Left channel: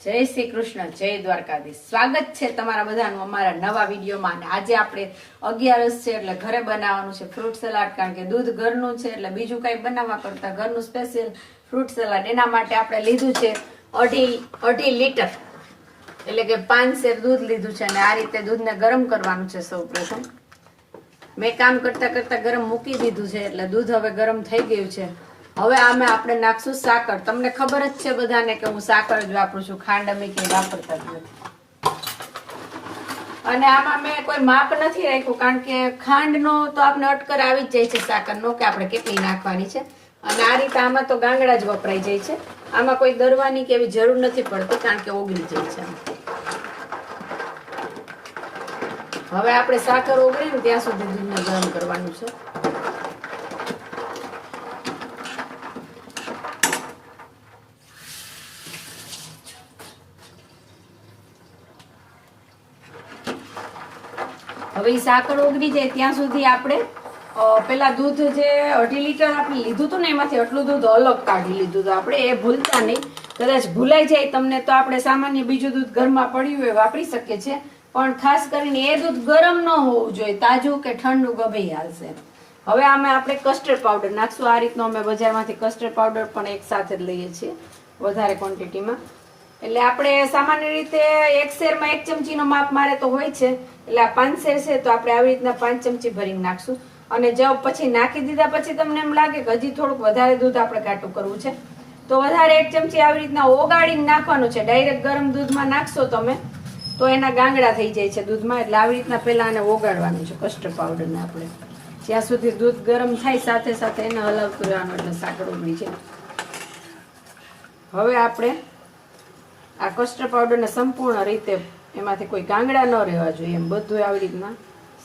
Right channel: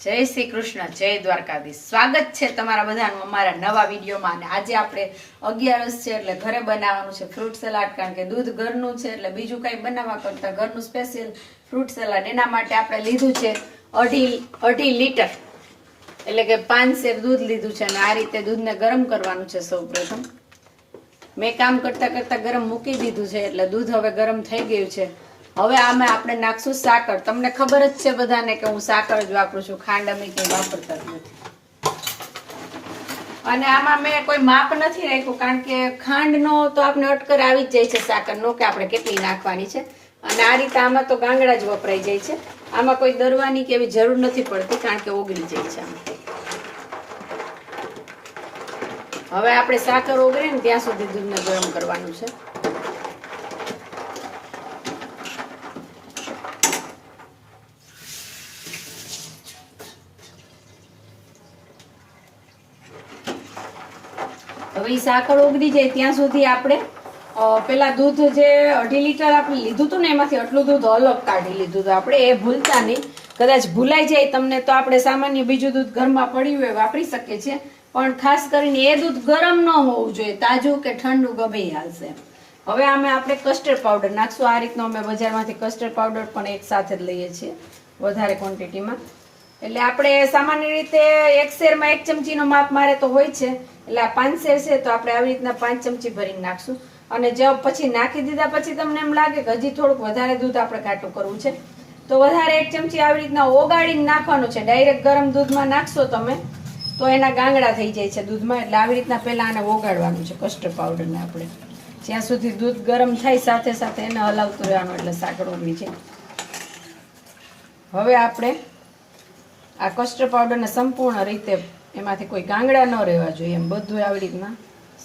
જય શ્રી કૃષ્ણ, જય દ્વારકાધીશ. સ્વાગત છે તમારા બધાનું અમારા નવા વિડીયોમાં. અને આજે આપણે અગિયારસ છે એટલે ઘરે બનાવવાનું છે ફ્રૂટ સલાડ, કારણ કે દૂધ ઘરનું છે એટલે બીજું કંઈ બનાવવા કરતા ઘરનું સ્પેશિયલ ફ્રૂટ સલાડ. એના માટે આપણે લીધું છે અઢી અઢી લીટર. એટલે કે પાંચ શેર દૂધ લીધું છે અને આ રીતે દૂધને ગરમ કરવાનું છે સૌ પ્રથમ. મેં કામ કરતા કરતા ગરમ મૂકી દીધું છે એટલે દૂધ હવે ગરમ થઈ ગયું છે. હવે આમાં આપણે નાખશું સાકર. તમને ખબર જ છે બધાને કે હું સાકર જ વાપરું છું, ખાંડ અમે કંઈ વાપરતા જ નથી. અને આમાં મેં કોઈ માપ નથી રાખ્યું, કારણ કે ખાંડનો તો આપણે અટકર આવી જ જાય છે સાકરનો કે આપણે કેટલી નાખવાની છે. અને આ રીતે આમાં તો ગાંગડા જ વપરાઈ જાય છે. આમાં કોઈ દરવાની કે એવી જરૂર નથી પડતી, કારણ કે ઓગળી જાય છે હવે આપણે સાકર ઓગળે ને ત્યાં સુધી દૂધને ગરમ કરવાનું છે. હવે એ સાકર ઓગળી જાય ત્યાં સુધી આપણે પેલા દૂધ જે અઢી લીટર આપણે લીધું હતું ને એમાંથી આટલું દૂધ અલગ કાઢી લીધું હતું આપણે એ ભૂલતા નહીં. કદાચ ભૂલાઈ જાય તમને તો આપણે સામાન્ય બીજું દૂધ ઘરમાં પડ્યું હોય, વાપરી શકીએ છીએ. પણ ખાસ કરીને એ દૂધ ગરમ ન હોવું જોઈએ, તાજું કે ઠંડુ ગમે હાલશે હવે આમાં આપણે કસ્ટર્ડ પાવડર નાખશું. આ રીતનો અમે બજારમાંથી કસ્ટર્ડ પાવડર પણ એક સાથે જ લઈએ છીએ, વધારે ક્વોન્ટિટીમાં એટલે આપણે સામાન્ય રીતે એક શેરમાં એક ચમચીનો માપ મારે તો હોય છે. એટલે આ પાંચ શેર છે તો આપણે આવી રીતના પાંચ ચમચી ભરીને નાખશું. અને જો પછી નાખી દીધા પછી તમને એમ લાગે કે હજી થોડુંક વધારે દૂધ આપણે કાટું કરવું છે. તો વધારે એક ચમચી આવી રીતના ઓગાળીને નાખવાનું છે. ડાયરેક્ટ ગરમ દૂધમાં નાખશો તમે, તો એના ગાંગડા થઈ જાય છે દૂધમાં. એટલે આવી રીતના પહેલાં આને ઓગાળવાનું છે કસ્ટર્ડ પાવડરને આપણે. જ્યાં સુધી દૂધ ગરમ થાય સાથે સાથે એને હલાવતું રહેવાનું, એટલે સાકર ઓગળી છે હવે આપણે આ કસ્ટર્ડ પાવડરને સંપૂર્ણ રીતે એમાંથી કોઈ ગાંગડા ન રહેવા જોઈએ એમ બધું આવી રીતના.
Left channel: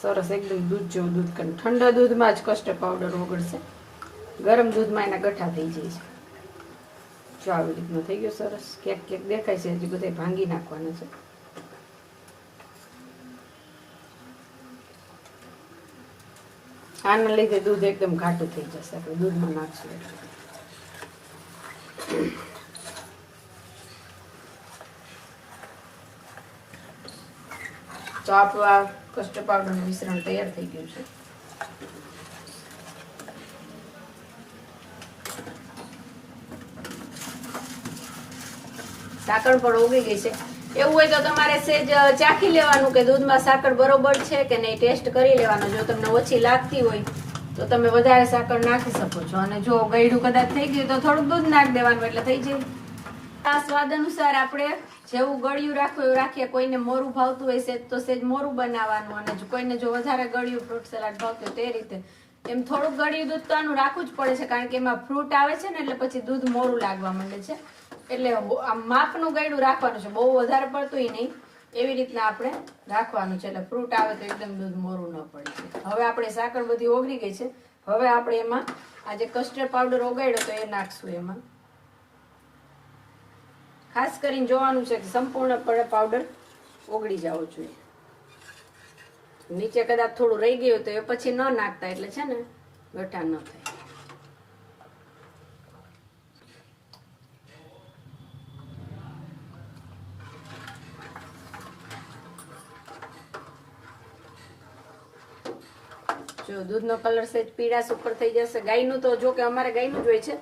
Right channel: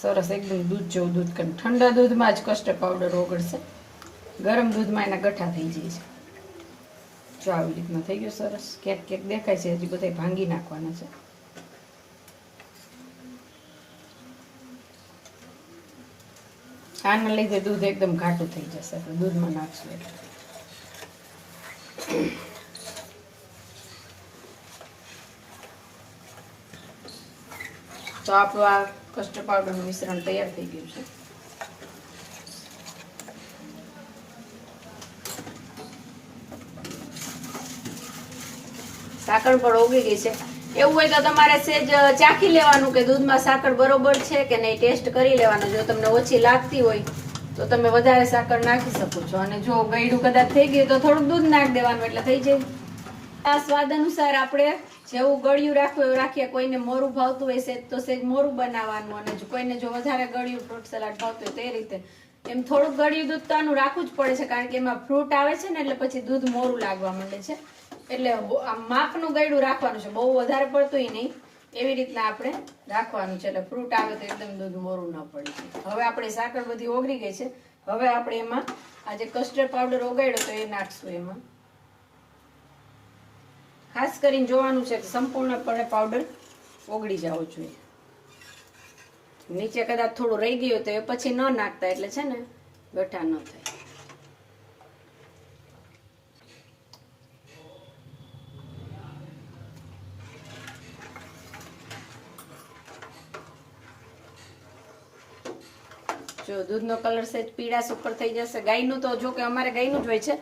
સરસ એકદમ દૂધ જેવું દૂધ કરીને. ઠંડા દૂધમાં જ કસ્ટર્ડ પાવડર ઓગળશે. ગરમ દૂધમાં એના ગઠ્ઠા થઈ જાય છે. જો આવી રીતના થઈ ગયું સરસ. ક્યાંક ક્યાંક દેખાય છે, હજી બધા ભાંગી નાખવાના છે. આના લીધે દૂધ એકદમ ઘાટું થઈ જશે. આપણે દૂધમાં નાખશું. એટલે. તો આપણું આ કસ્ટર્ડ પાવડરનું મિશ્રણ તૈયાર થઈ ગયું છે. સાકર પણ ઓગળી ગઈ છે. એવું હોય તો તમારે સેજ ચાખી લેવાનું કે દૂધમાં સાકર બરોબર છે કે નહીં ટેસ્ટ કરી લેવાનું. જો તમને ઓછી લાગતી હોય તો તમે વધારે સાકર નાખી શકો છો. અને જો ગળ્યું કદાચ થઈ ગયું તો થોડુંક દૂધ નાખી દેવાનું એટલે થઈ જાય. આ સ્વાદ અનુસાર આપણે જેવું ગળ્યું રાખવું એવું રાખીએ, કોઈને મોરું ભાવતું હોય સેજ તો સેજ મોરું બનાવવાનું અને કોઈને જો વધારે ગળ્યું ફ્રૂટ સલાડ ભાવતું હોય તે રીતે. એમ થોડુંક ગળ્યું દૂધ તો આનું રાખવું જ પડે છે, કારણ કે એમાં ફ્રૂટ આવે છે ને એટલે પછી દૂધ મોરું લાગવા માંડે છે. એટલે આમ માપનું ગળ્યું રાખવાનું છે, બહુ વધારે પડતું નહીં. એવી રીતના આપણે રાખવાનું છે, એટલે ફ્રૂટ આવે તો એકદમ દૂધ મોરું ન પડે હવે આપણે સાકર બધી ઓગળી ગઈ છે. હવે આપણે એમાં આ જે કસ્ટર્ડ પાવડર ઓગાડ્યો તો એ નાખશું એમાં. ખાસ કરીને જોવાનું છે કે સંપૂર્ણપણે પાવડર ઓગળી જવો જોઈએ. નીચે કદાચ થોડું રહી ગયું તો એ પછી ન નાખતા એટલે છે ને ગઠા ન થાય. જો દૂધનો કલર સેજ પીળાશ ઉપર થઈ જશે. ગાયનું તો જો કે અમારે ગાયનું જ હોય છે.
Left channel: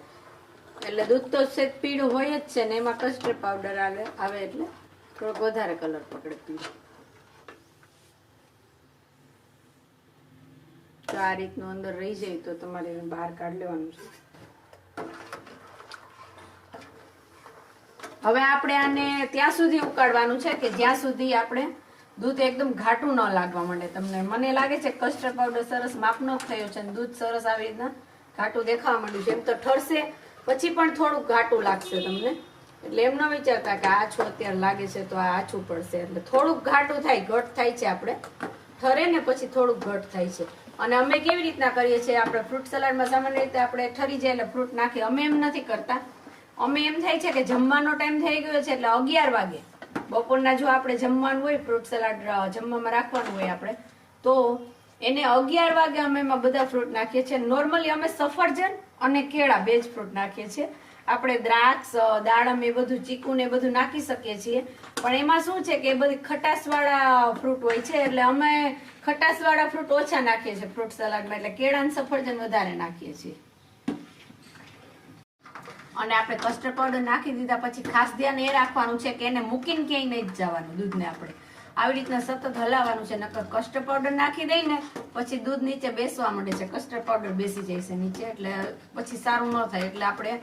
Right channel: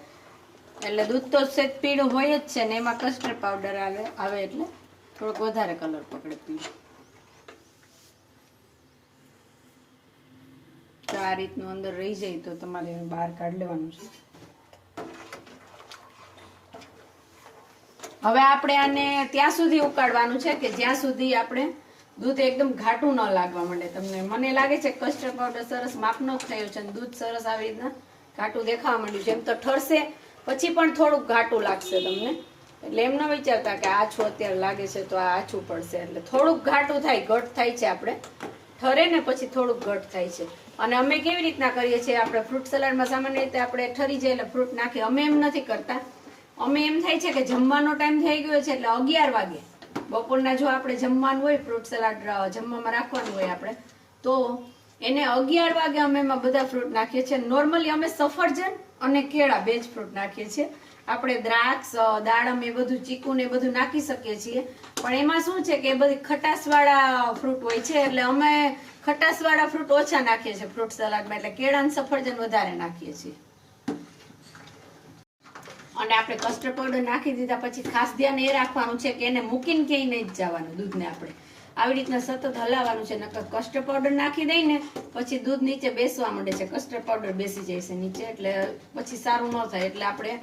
એટલે દૂધ તો સેજ પીળું હોય જ છે ને એમાં કસ્ટર્ડ પાવડર આવે આવે એટલે થોડોક વધારે કલર પકડે પીળું આ રીતનું અંદર રહી જાય તો તમારે બહાર કાઢી લેવાનું છે. હવે આપણે આને ત્યાં સુધી ઉકાળવાનું છે કે જ્યાં સુધી આપણે દૂધ એકદમ ઘાટું ન લાગવા માંડે. તમને મને લાગે છે કસ્ટર્ડ પાવડર સરસ માપનો થયો છે દૂધ સરસ આવી રીતના ઘાટું દેખાવા માંડ્યું છે. એમ તો ઠરશે પછી પણ થોડુંક ઘાટું લાગશે તમને. એટલે એમ ન વિચારતા કે આછું અત્યારે લાગે છે તો આ આછું પડશે. એટલે થોડુંક ઘાટું થાય, ઘટ થાય છે આપણે. ઠરે ને પછી થોડુંક ઘટ થાય છે. અને અમે કેવી રીતના કરીએ છીએ? આપણે ફ્રૂટ સલાડમાં સામાન્ય રીતે આપણે ઠરી જાય એટલે ફ્રૂટ નાખીએ. અમે એમ નથી કરતા. અમે એમ થાય છે કે જમવાનો ટાઈમ થઈ ગયો છે એટલે અગિયાર વાગે. બપોરના જો આપણે જમવાનું હોય, ફ્રૂટ સલાડ જમવામાં રાખવાનું હોય આપણે, તો એને અગિયાર વાગે અમે એમાં બધા ફ્રૂટ નાખીએ છીએ. નોર્મલી અમે સફરજન અને કેળા બે જ ફ્રૂટ નાખીએ છીએ. આપણે દ્રાક્ષ દાડમ એ બધું, ચીકુ ને બધું નાખી શકીએ છીએ. પણ એમાં શું છે કે એ બધી ખટાસવાળા ફ્રૂટ હોય છે, એટલે અમે ખટાસવાળા ફ્રૂટ ઓછા નાખીએ છીએ, ફ્રૂટ સલાડમાં, એટલે કેળા અને સફરજન વધારે નાખીએ છીએ. અને આપણે કસ્ટર્ડ પાવડર નાખી દીધા, પછી ખાસ ધ્યાન એ રાખવાનું છે કે એને મૂકીને ક્યાંય નહીં જ જવાનું, દૂધને આપણે. આવી રીતના સતત હલાવવાનું છે, નકર કસ્ટર્ડ પાવડર નાખી દઈને પછી દૂધ નીચે બેસવા માંડે છે. કસ્ટર્ડ પાવડર બેસી જાય છે નીચે, એટલે પછી સારું ન થાય. એટલે આપણે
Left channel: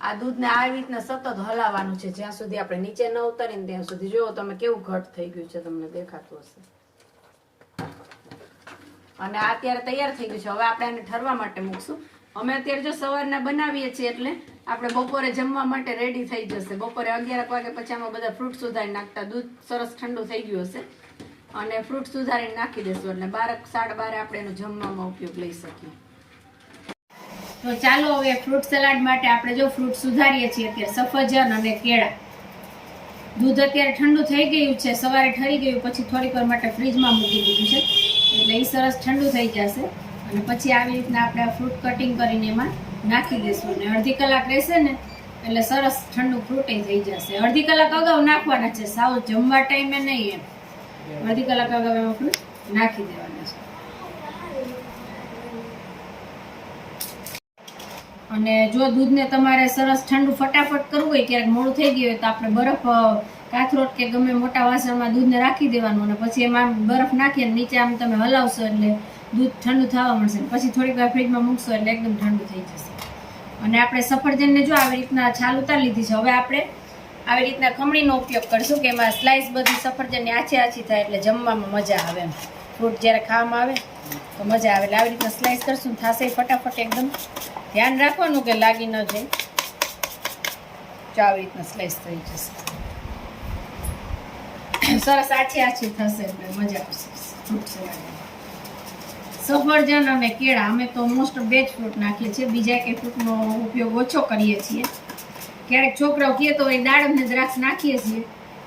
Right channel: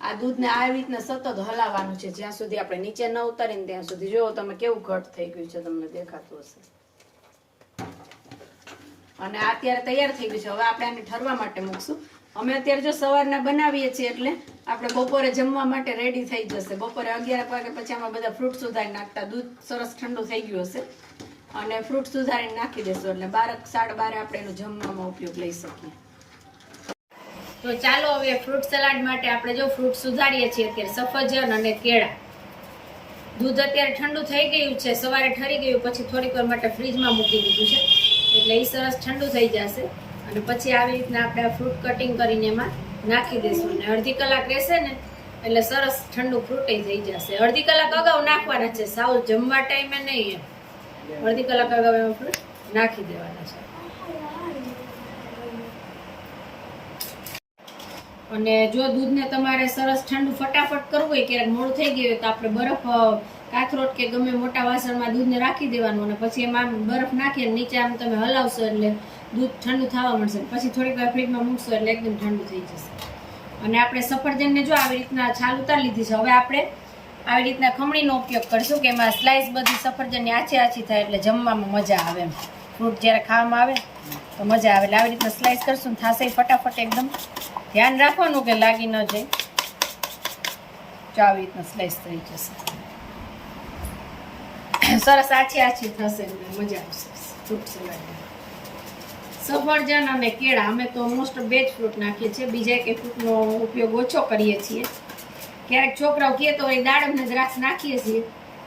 આ દૂધને આવી રીતના સતત હલાવવાનું છે. જ્યાં સુધી આપણે નીચે ન ઉતારીને ત્યાં સુધી. જોવો તમે કેવું ઘટ થઈ ગયું છે, તમને દેખાતું હશે. અને અત્યારે તૈયાર થઈ ગયું છે. હવે આપણે આને ઠરવા માટે મૂકશું. અમે અત્યારે જો સવારના બનાવીએ છીએ એટલે આપણે બપોરે જમવા માટે રેડી થઈ જશે. બપોરે અગિયાર વાગે પછી અમે બધા ફ્રૂટ સુધારી નાખતા. દૂધ સરસ ઠંડુ થઈ ગયું હશે. અને ફ્રૂટ સુધારીને નાખી દેશું એટલે બારક સાડા બારે આપણે એનો જમવામાં ઉપયોગ લઈ શકીએ. તો ચાલો હવે ફ્રૂટ સલાડ માટે આપણે જો ફ્રૂટ સુધારીએ છીએ અત્યારે સફરજન અને કેળા. દૂધ અત્યારે ઠંડુ થઈ ગયું છે. સવારે ઠરી ગયું, પછી થોડીક વાર માટે ફ્રીજમાં મૂકી દીધું છે. એટલે એ સરસ ઠંડુ થઈ જશે. અને પછી આવી રીતના આપણે ફ્રૂટ કટિંગ કરીને એમાં નાખી દઈશું અને અડધી કલાક રહેશે ને, એટલે સરસ ઠંડુ ફ્રૂટ થઈ જશે. અડધી કલાક અગાઉ નાખવાના છે. સાવ જમવા ટાઈમે નહીં એમ. અડધી કલાક અગાઉ એમાં ફ્રૂટ નાખી દેવાના છે. અને જો દૂધને તમારે સરસ ઠંડુ ફટાફટ કરવું હોય, ક્યારેક મોડું થઈ ગયું હોય, તો આપણે બરફ કાથરોટ કે ગમે મોટા વાસણમાં દૂધને રાખી દેવાનું અને પછી એમાં બરફ નાખી અને નીચે આમ તમે હલાવશો એટલે દૂધ ઠંડુ થવા મળશે પછી થોડીક વાર ફ્રીજમાં મૂકશો એટલે એકદમ ઠંડુ થઈ જશે. અને આપણે સફરજનને જો આવી રીતના છાલ ઉતારી લીધી છે, હવે આપણે આવી રીતના ખમણીનો ઉપયોગ કરશું કે એમાં સ્લાઇસ બધી સફરજનની આછી આછી થાય એટલે જમવામાં મજા આવે એમ. ફ્રૂટ જ્યારે ખાવામાં આવે તો મજા આવે એટલે આવી રીતના સ્લાઇસ કરશું થાશે ફટાફટ એકદમ. ધ્યાન રાખવાનું કે લાગી ન જાય. જો આવી રીતના સ્લાઇસ થઈ જશે. સરસ આછી આછી થશે એટલે મજા આવશે. ફ્રૂટ સલાડ સફરજન અને કેળા અમે તો મોસ્ટ બે જ ફ્રૂટ નાખીએ છીએ. બીજા કે ફ્રૂટનો ઉપયોગ ઓછો કરીએ છીએ. ક્યારેક છોકરાઓ કહે તો એ દાડમ ને દ્રાક્ષ નાખીએ છીએ.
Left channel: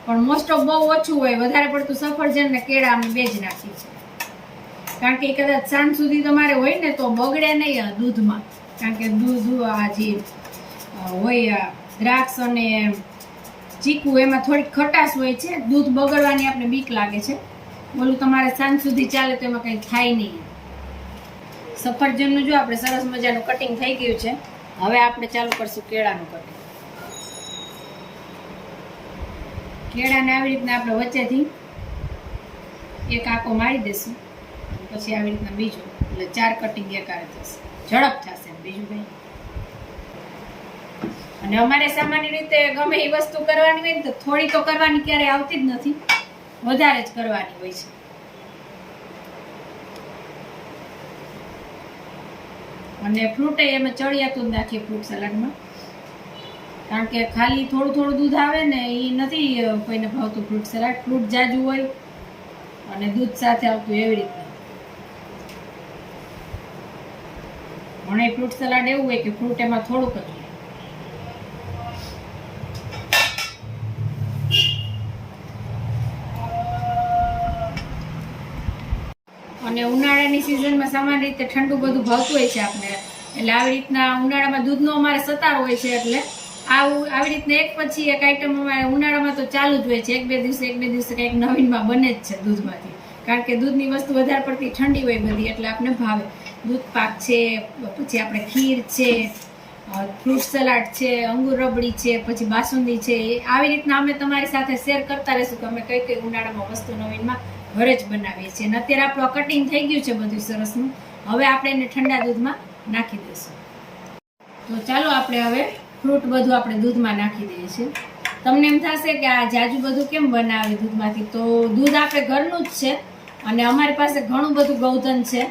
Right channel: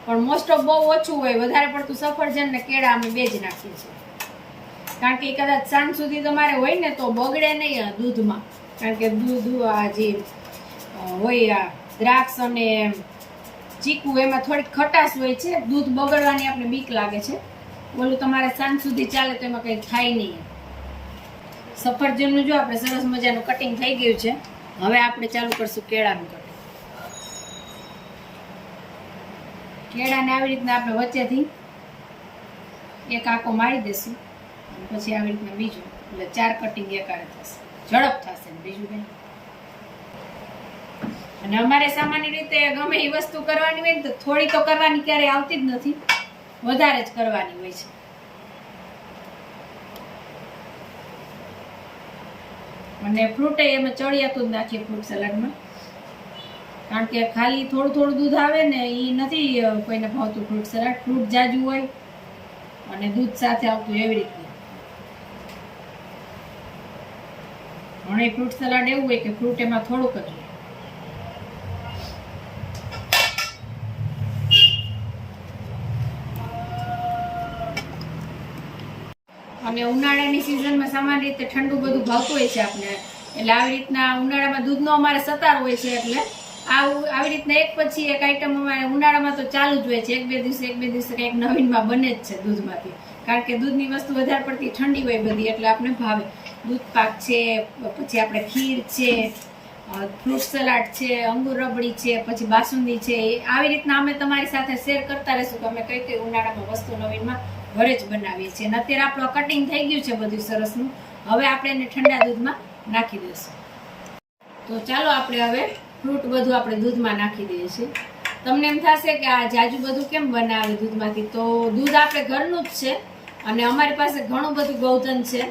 પણ મોસ્ટ ઓફ બહુ ઓછું હોય, વધારે પડતું સફરજન ને કેળા અમે બે જ નાખીએ છીએ. કારણ કે એ કદાચ સાંજ સુધી તમારે હોય ને તો બગડે નહીં દૂધમાં. કારણ કે દૂધ, આ જે હોય દ્રાક્ષ અને ચીકુ, એમાં થોડીક ખટાશ હોય છે. દૂધ બગડવાની આપણે બીક લાગે છે. ઓલું તમારે સાંજ સુધી ચાલે તો એમાં કંઈ થાય નહીં. સફરજનનું જો આપણે સરસ મજાનું કટિંગ થઈ ગયું છે, હવે આપણે ચાલુ કરશું કેળાનું કટિંગ કેળાને આવી રીતના આપણે વચ્ચેથી એક આંકો મારી દેશું પછી આવી રીતના બીજો, એટલે ચાર કટિંગ એકારે થશે. ઝડપ થશે બીજું કંઈ. અને અમારે સામાન્ય રીતે ગમે એ વસ્તુ કરવાની હોય ને તો થોડી તો કરવાની ક્યારેય આવતી જ નથી. વધારે જ કરવાની હોય છે. અને ફ્રૂટ અમે ચડિયાતું જ નાખીએ ફ્રૂટ સલાડમાં. કારણ કે ખાલી થોડું થોડું દૂધ આવે ને એ નથી કોઈને ભાવતું ફ્રૂટ સલાડ. ફ્રૂટ જાજુ હોય અને દૂધ સાથે આવતું એવી રીતના. ઘણા ફ્રૂટ સલાડ એવું હોય કે ફ્રૂટ એમાં થોડુંક જ અને ઉનાળાની સિઝનમાં સામાન્ય રીતે ઠંડુ બધું ભાવતું હોય છે આપણે. એટલે આવી રીતના ઉનાળામાં દૂધનો અમારે સતાર હોય છે એટલે આવું, આવી રીતના એક પછી એક આઈટમ અમારે ઉનાળામાં તો ચાલુ જ હોય છે. એક બે દિવસે, એક બે દિવસે કંઈક નવીનમાં બને જ છે દૂધમાંથી. કારણ કે દૂધની વસ્તુ વધારે પડતી ઠંડી હોય બધી, એટલે આપણે ભાવે. દૂધ પાક છે, પછી આપણે ખીર છે ફ્રૂટ સલાડ છે, અંગુર રબડી છે, પછી બાસુંદી છે. આવી રીતના અમે તમારી સાથે શેર કરતા રહીશું કે અમે કઈ કઈ ઉનાળામાં વસ્તુ નવીનમાં ઘરે જ બનાવીએ છીએ. અને અત્યારે આપણું કટિંગ થઈ ગયું છે બધું સરસનું. હવે આપણે એને ઠંડા દૂધમાં નાખી દઈશું. તો ચાલો આપણે હવે ફ્રૂટ બધું આપણે દૂધમાં નાખી દઈએ છીએ. તમને એમ થશે કે આ જાજુ બધું કેમ બનાવે દૂધમાંથી? તો દૂધ આપણે ઘરનું જ છે અને અમારી પાસે ઘણું બધું ગૌધન છે.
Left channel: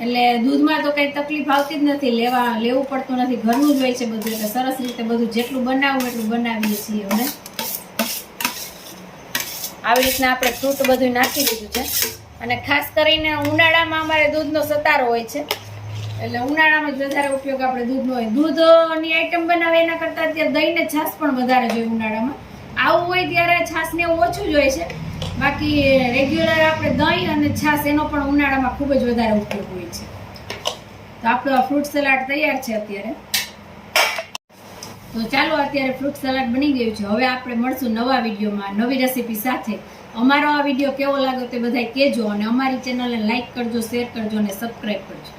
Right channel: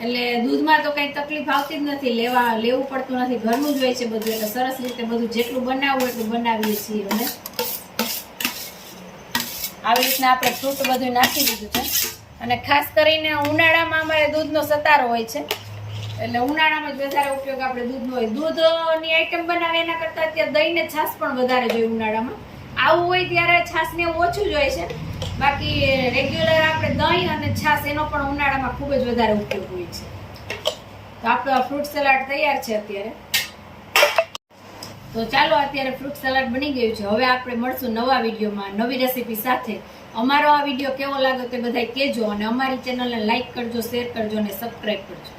એટલે દૂધમાં તો કંઈ તકલીફ આવતી જ નથી. લેવા, લેવું પડતું નથી. ઘરનું જ હોય છે બધું. એટલે સરસ રીતે બધું જેટલું બનાવવું એટલું બનાવીએ છીએ અમે. આવી રીતના આપણે ફ્રૂટ બધું નાખી દીધું છે. અને ખાસ કરીને ઉનાળામાં અમારે દૂધનો સતારો હોય છે. એટલે ઉનાળામાં જ વધારે ઉપયોગ આપણે દૂધનો હોય. દૂધની આઈટમ બનાવે એના કરતાં અત્યારે દહીંને છાશ પણ વધારે જોઈએ ઉનાળામાં. આવું હોય ત્યારે છાશને ઓછું જ હોય છે. બાકી રેગ્યુલર આપણે દહીં અને છાશ એનો પણ ઉનાળામાં ખૂબ જ વધારે ઉપયોગ હોય છે. તો આપણો આ ફ્રૂટ સલાડ તૈયાર છે અત્યારે. તો ચાલો અત્યારે ફ્રૂટ સલાડ બની ગયું છે. હવે આપણે મળશું નવા વિડીયોમાં, નવી રેસીપી સાથે. અમારો આ વીડિયો કેવો લાગ્યો તે બધા કહેજો અને અમારી ચેનલને લાઇક કરજો શેર કરજો અને સબસ્ક્રાઈબ કરજો.